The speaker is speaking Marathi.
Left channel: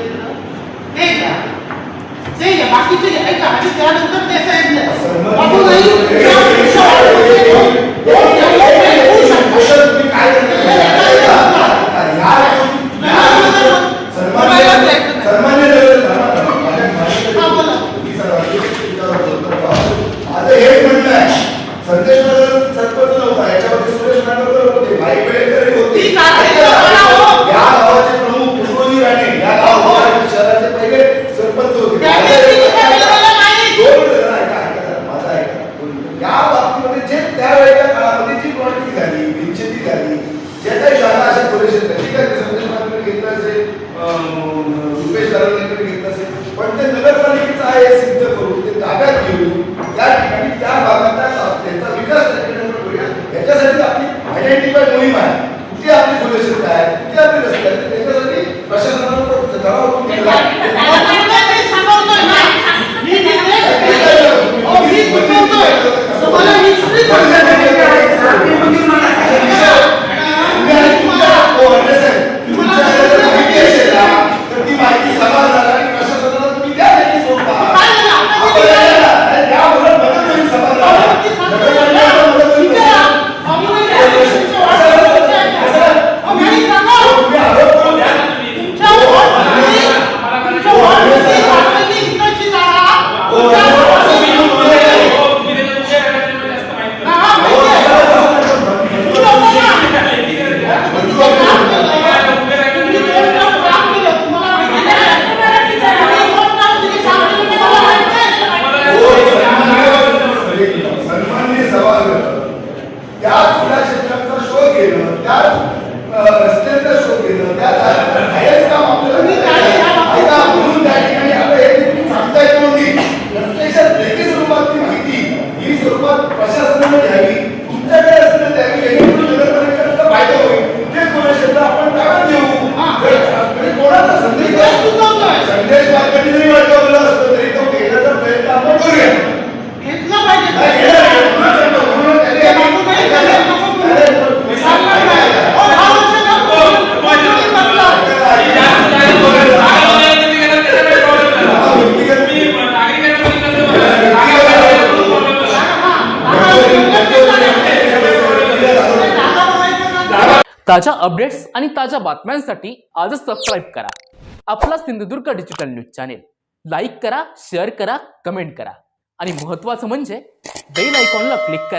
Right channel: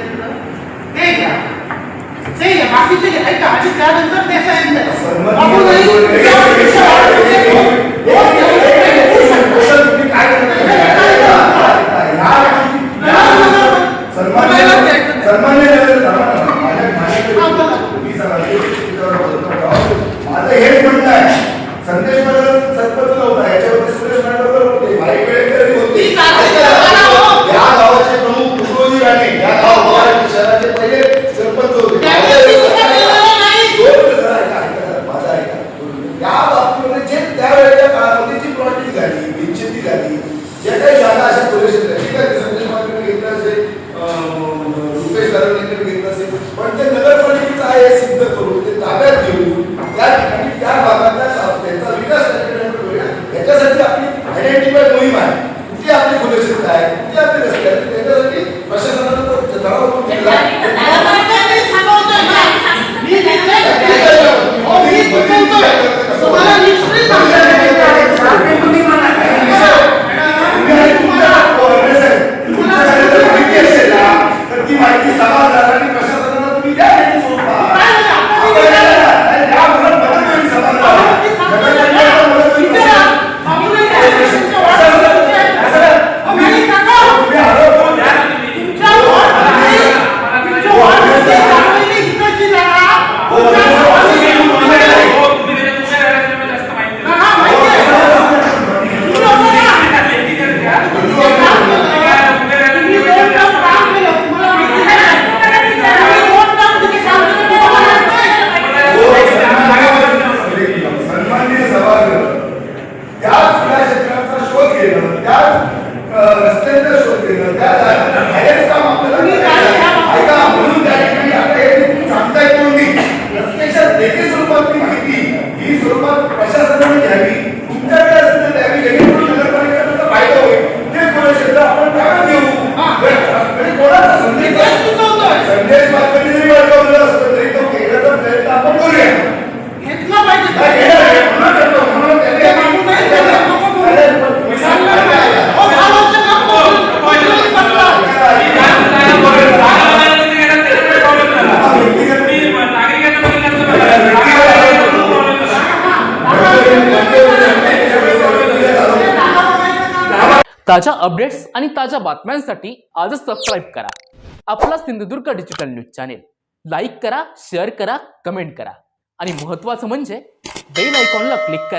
क्षेत्र ते घ्या, ते घ्या, बाकीचे घ्या. ऐका, आणि त्यानंतर ते सांगितलं बाबू नाही हेच म्हणताय संदेश सरपंच नव्हता याच्यावरती सुरेश नागवकर होते, भाई वेळेकर होते, या गावाचे प्रमुख तुकोजी राणे या गावाच्या शहराचे पहिले सरपंच होते. माझा ऐका, या बाबतीमध्ये जे त्यावेळेच्या काळामध्ये जी प्लॉटिंग झाली, बिनशेती झाली, जे काही शाळा अशा पोलीस ठीक आहे, संदेश नागवकर घेतलं असेल, रुपेश दारोडेकर घेतलं असेल, पण ते नगरपालिकेचं आहे हे सिद्ध करून ते ताब्यात घेऊन त्या ठिकाणी त्या भागाचा त्यांचा विकास याच्यासाठी आपली आयडेंटिफाय मोहीम आहे. कुठे आपली खोले क्षेत्र आहे, कुठे आपले रस्ते आहेत, त्याच्यासाठी प्रशासनानं तो ठराव करून केला. ती माहिती समाजाला आणि प्रशासनाला तुम्ही द्या, त्यांनी सोडवा. प्रशासनाने घ्यावी, तुमच्याकडे असलेलं द्यावी, जेणेकरून नगरपालिकेचा फायदा होईल. ते खोले क्षेत्र आपण ताब्यात घेऊ. आणि कोणाचा संदेश मार्केट जरी वळवलं असतं तरी तो घेण्याचा प्रयत्न आपण करूया. घेतला पाहिजे. ताज्या अपडेट्स आणि ताज्या बातम्यांसाठी आजच सबस्क्राईब करा आपला Sindhudurg digital news channel. Like करा, शेअर करा, कमेंट करा आणि महत्त्वाचं म्हणजे बेल आयकॉनला क्लिक करा.